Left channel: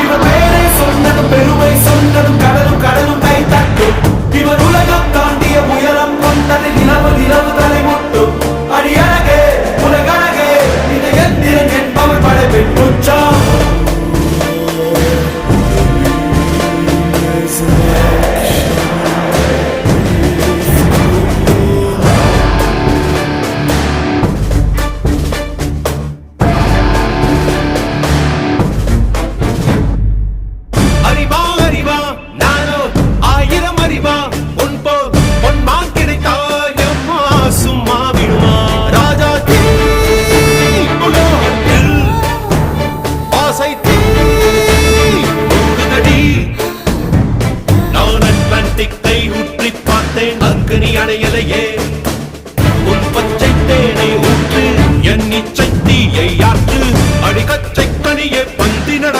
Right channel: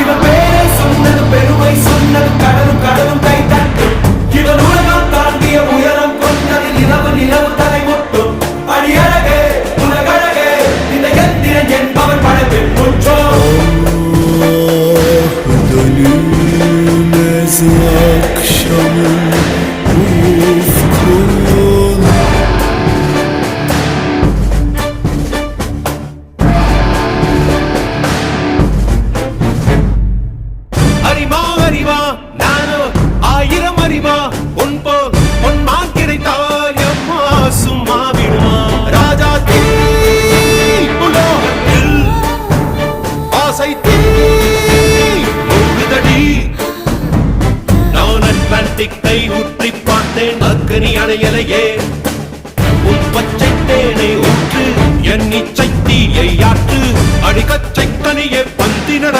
இவர் பேரை சொன்னது பெருமை சொன்னது கடலும் கடலும் கை தட்டும் இவர் உலகம் தாண்டிய உயரம் கொண்டது நிலவு நிலவு தலை மொட்டும் அடியழகே உலகழகே இந்த எந்திரன் என்பவர் படைப்பின் குற்றம் அறிவா அறிவா நானோ ஆயிரம் அறிவா உன் போல் பொன்மான் கிடைத்தாயம்மா சும்மா விடுமா ராஜா தீ உலோகத்தில் ஆசை தீ மூடுதடி நான் அட்லாண்டிக்கை ஊற்றி பார்த்தேன் அக்னி அணையலையே உன் பச்சை தேனை ஊற்று என் இச்சை தீயை ஆற்று அடிக்கச்சை கனியே பந்தி நட